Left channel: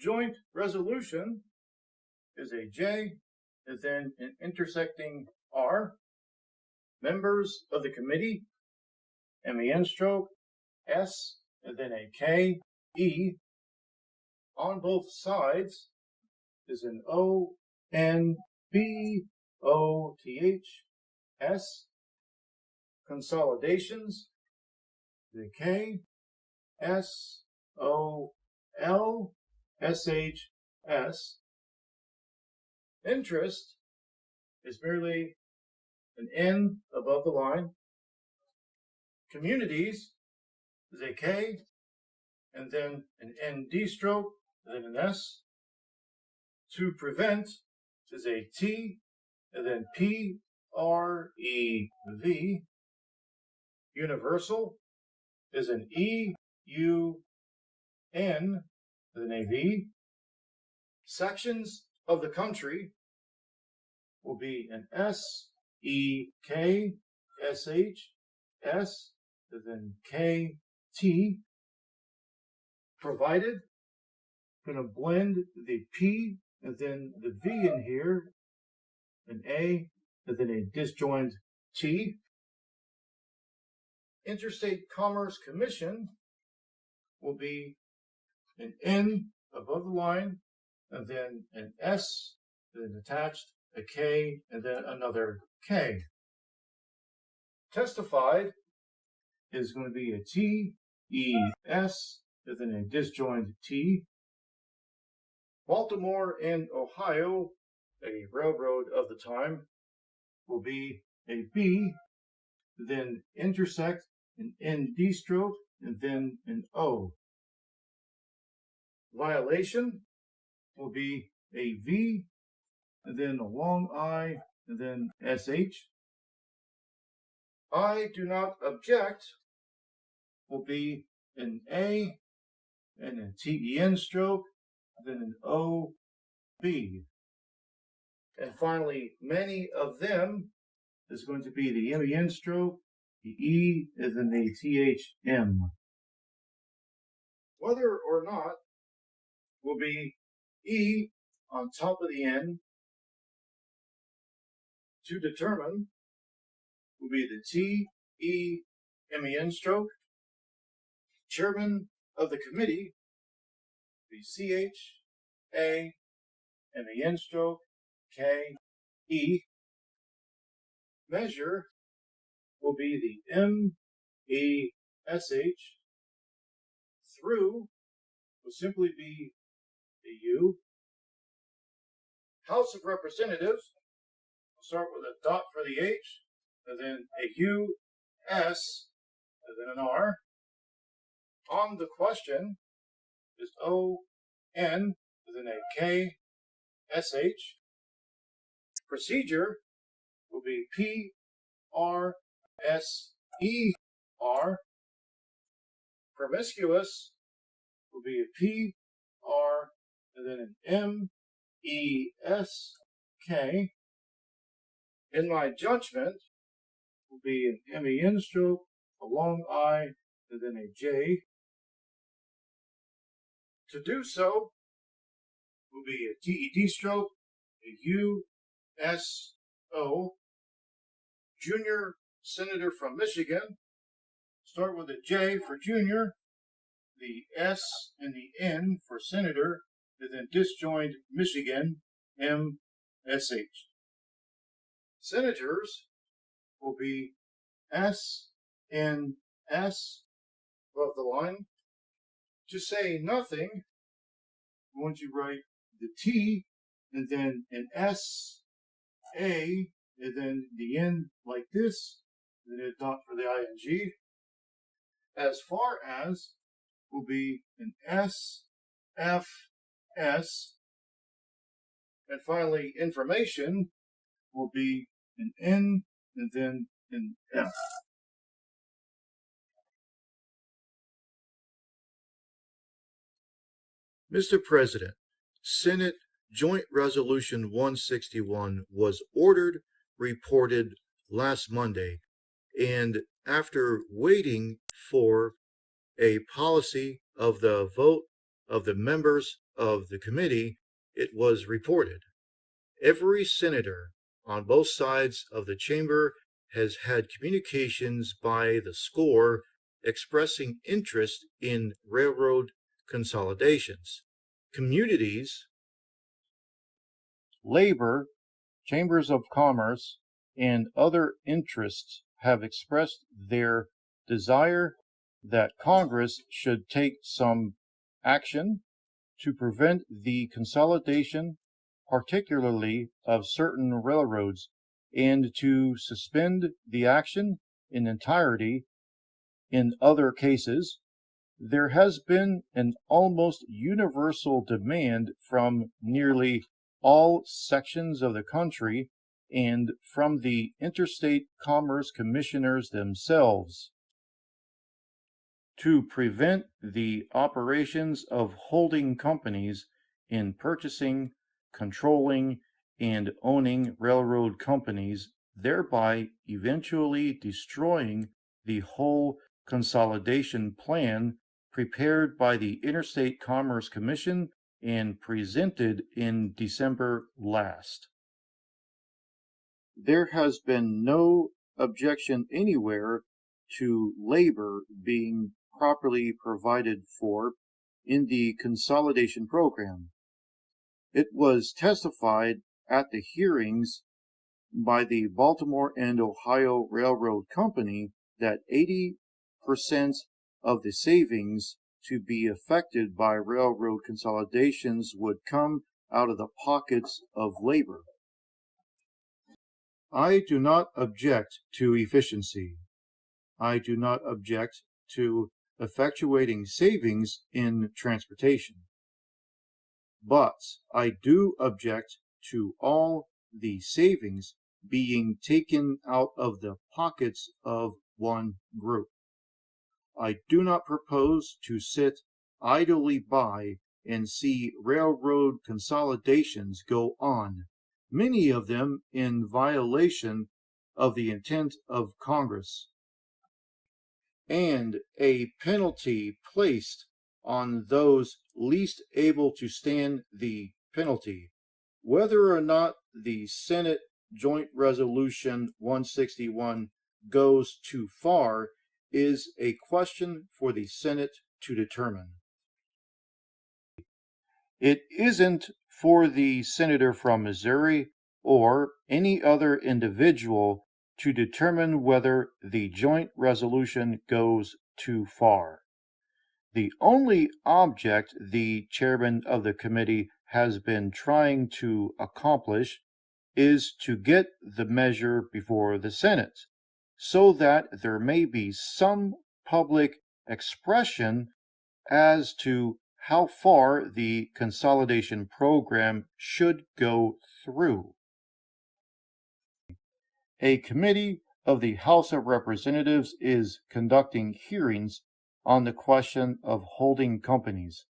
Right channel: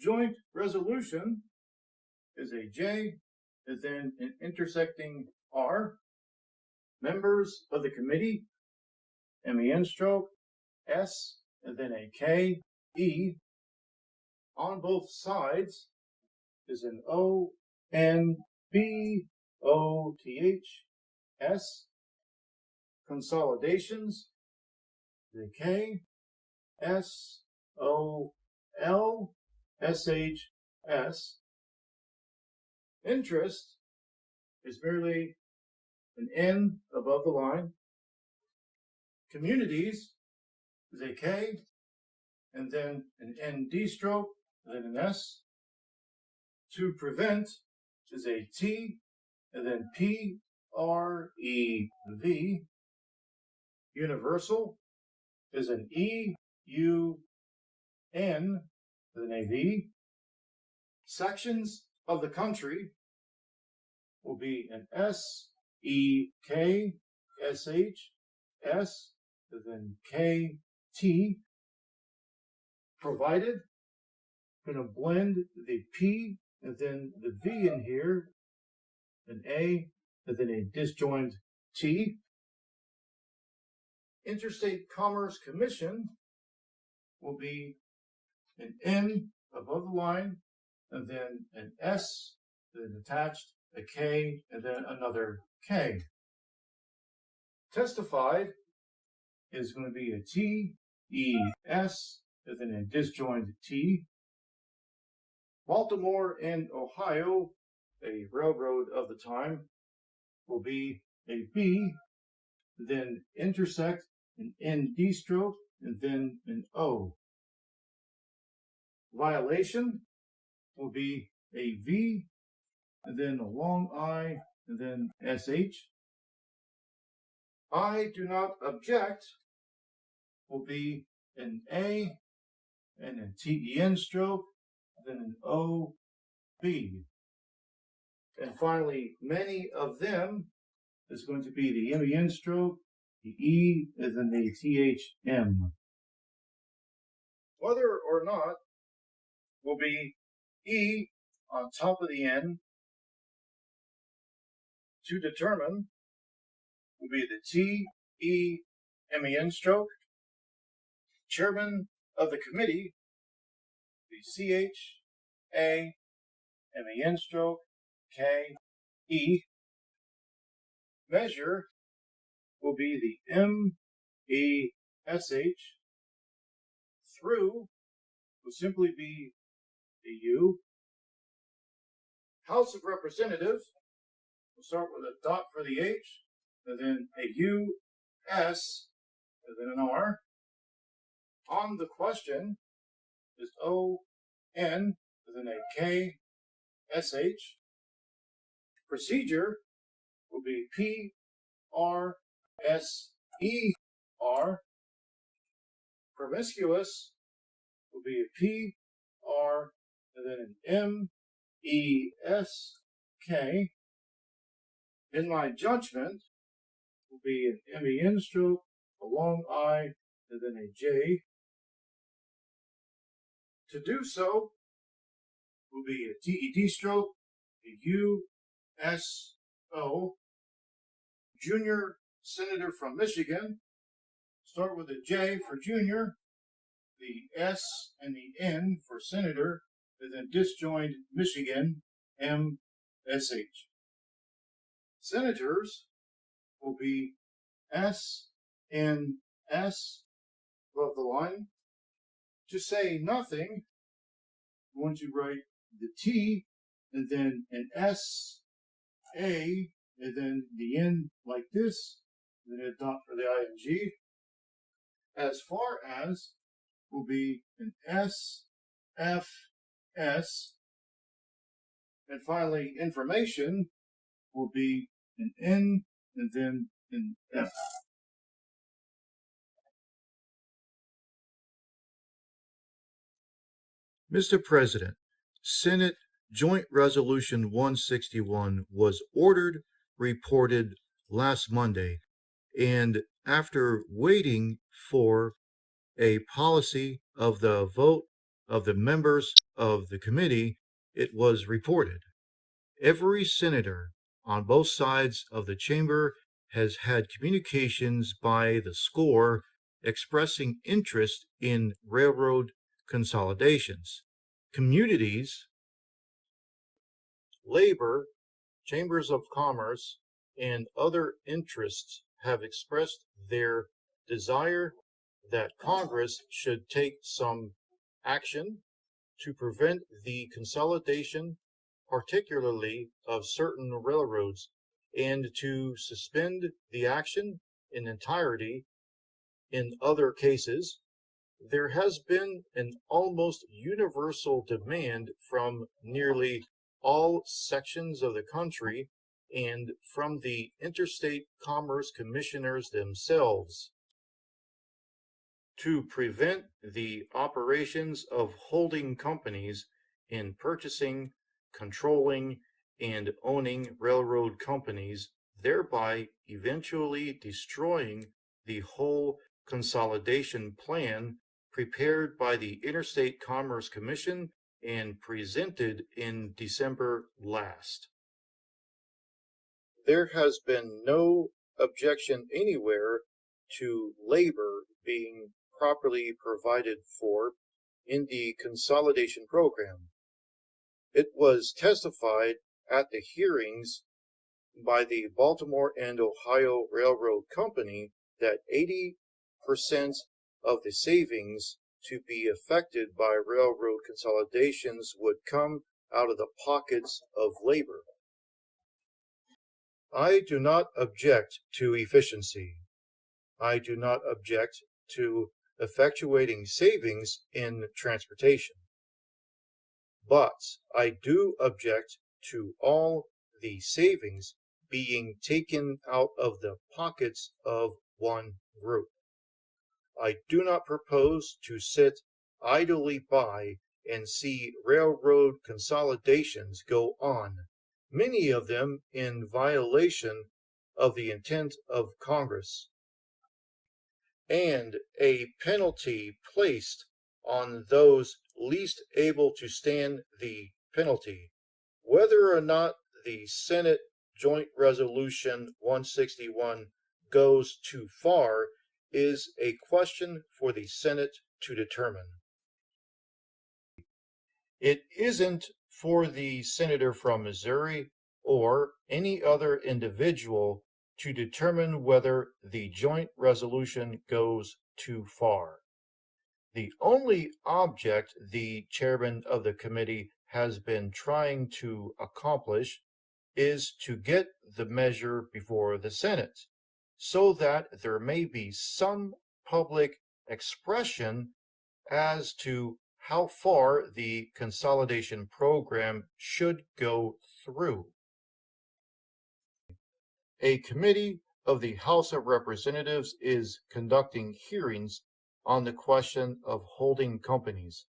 joint resolution is a J, and then an intersecting R. Members of the committee, MEN stroke, S, and then a K, E. On both sides is an O, N, B, O, T, H, S. Consolidations, the K, S, O, L, S, H, S. Interest is merely an N above the line. Communities is a K, and then an ND stroke, and then an S. To prevent is a T, and then P, R, E, V. Universal is an E, U, N, and then a V. Sections of the country will be an S, E, K, S, H, S, and then K, T. Provided, going to blend the P and then the V in here, an A, and then a disjoint T. Interstate Commerce Commission will be an N above the line, and then an S, then attached, a K, and then another K. Testified is going to be a T, E, S, and then a disjoint T. Baltimore and Ohio, a railroad of the time, will be a B, then intersect an ND stroke, and then an O. Violation will be a V, and then a long I, and then SH. I do not object will be an A, and a TEN stroke, then an OB. And finally, many of them is going to be the MEN stroke, the E, and then the THM. Whether or not will be E on top of the N. To determine will be the T, E, MEN stroke. Chairman of the committee, the CH, A, MEN stroke, K, E. Measure will be the M, E, SH. Through will simply be the U. House of Representatives, we'll start with a dot for the H, and then a U, S, and then an R. On the question is O, N, and then a K, SH. Procedure will be P, R, S, E, R. Promiscuous will be a P, R, and then an M, E, S, K. In my judgment will be an MEN stroke, a long I, and then a J. To do so will be a TED stroke, a U, S, O. Junior Senator from Michigan. Start with a J for junior, the S and the N for senator, and then disjoint Michigan, M, S, H. Senators will be S, N, S above the line. To say nothing, once you write the T, and then an S, A, and then the N like this, and then a dot for the ING. As far as will be an S, F, S. And finally, information will be an N and then an F. Mr. President, Senate Joint Resolution 161 was ordered, reported last Monday, and after waiting for a policy of the vote of the members of the committee, it was reported. Every senator on both sides of the chamber has had communications by the score expressing interest in railroad consolidations. Communities, labor, chambers of commerce, and other interests have expressed their desire that Congress should take some action to prevent the consolidation, particularly of certain railroads, and to suspend the action in entirety in other cases. There has been an almost universal demand from nearly all sections of the country and from the interstate commerce commissioners themselves to prevent the operations of holding companies in purchasing, controlling, and owning railroad companies, thereby eventually destroying the whole consolidation plan prepared by the Interstate Commerce Commission and presented in December last. There has been no objection anywhere to labor being properly provided for in the consolidation program. It was testified at the hearings by the Baltimore and Ohio Railroad Company that 80% of the savings to be affected by railroad consolidations would come out of the pockets of labor. I do not object to efficiency. I do not object to effectuating savings in transportation. But I do object to all the savings being taken out of the pockets of one group. I do not propose to sit idly by and see railroad consolidations go on, many of them in violation of the intent of Congress, and a penalty placed on those least able to stand the penalty. Whether or not the Senate Joint Resolution 161 goes too far is a question for the Senate to determine. It isn't for the senator from Missouri or any other individual to determine whether the joint resolution goes too far. The only object the chairman of the committee has been trying to accomplish is to get the measure before the Senate, so that there may be some public expression as to how far the consolidation program should go through. A committee of the House of Representatives is conducting hearings on the question of holding companies.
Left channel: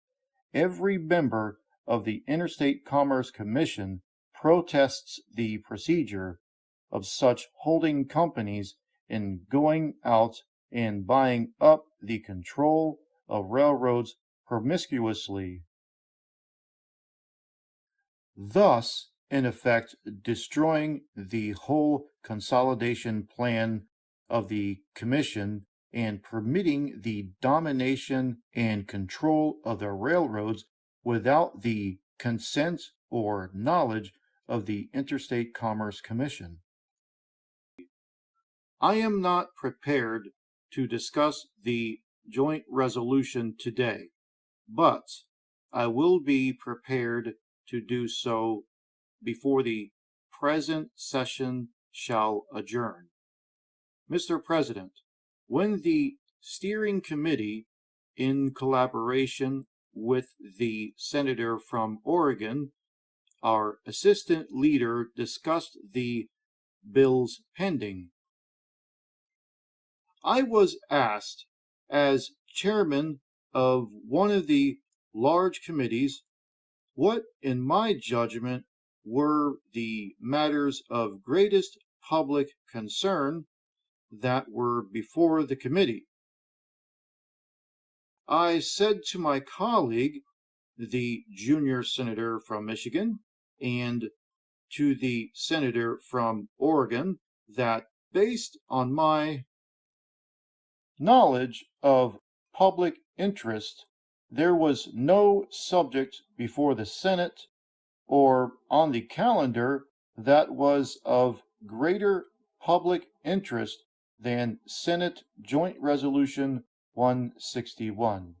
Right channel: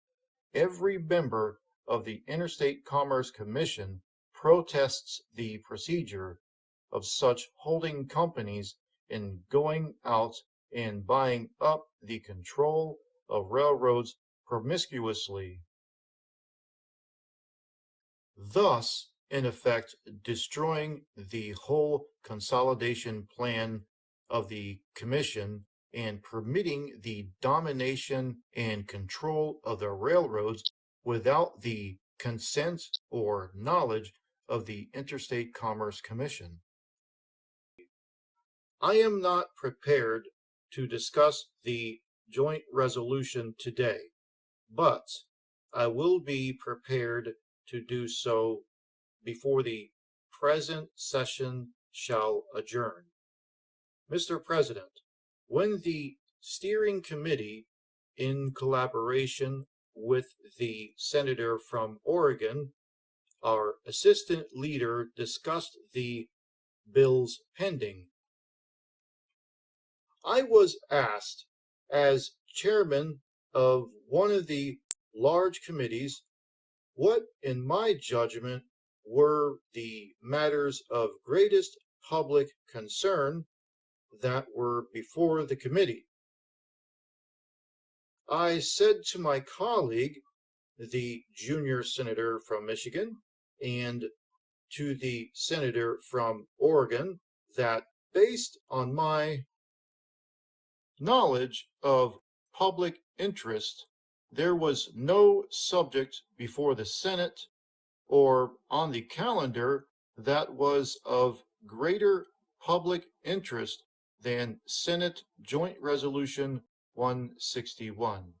Every member of the Interstate Commerce Commission protests the procedure of such holding companies in going out and buying up the control of railroads promiscuously, thus in effect destroying the whole consolidation plan of the commission and permitting the domination and control of the railroads without the consent or knowledge of the Interstate Commerce Commission. I am not prepared to discuss the joint resolution today, but I will be prepared to do so before the present session shall adjourn. Mr. President, when the steering committee, in collaboration with the senator from Oregon, our assistant leader, discussed the bills pending, I was asked, as chairman of one of the large committees, what, in my judgment, were the matters of greatest public concern that were before the committee. I said to my colleague the junior senator from Michigan and to the senator from Oregon that based on my knowledge of public interest, there was no subject before the Senate or on the calendar that was of greater public interest than Senate Joint Resolution 161.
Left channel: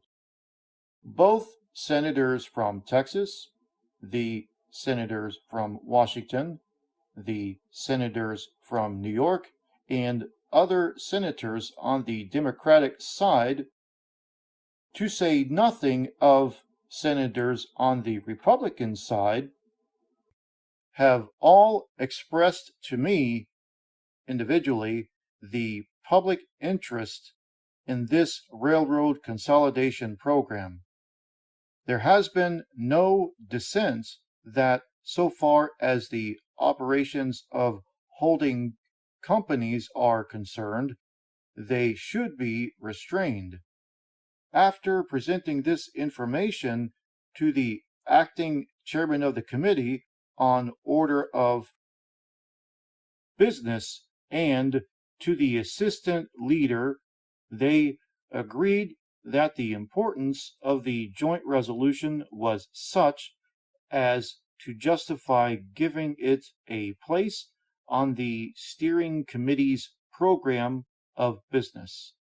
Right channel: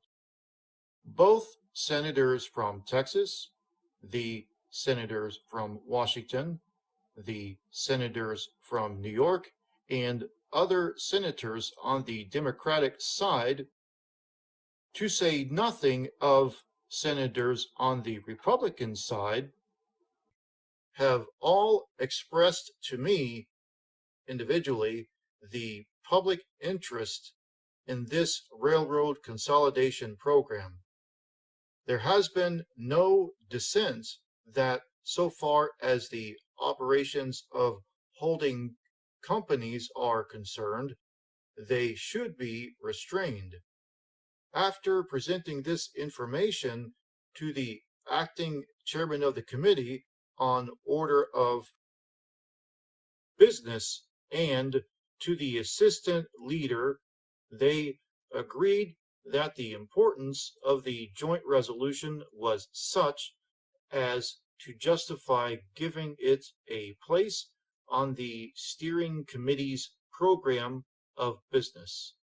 Both senators from Texas, the senators from Washington, the senators from New York, and other senators on the Democratic side, to say nothing of senators on the Republican side, have all expressed to me individually the public interest in this railroad consolidation program. There has been no dissent that, so far as the operations of holding companies are concerned, they should be restrained. After presenting this information to the acting chairman of the committee on order of business and to the assistant leader, they agreed that the importance of the joint resolution was such as to justify giving it a place on the steering committee's program of business.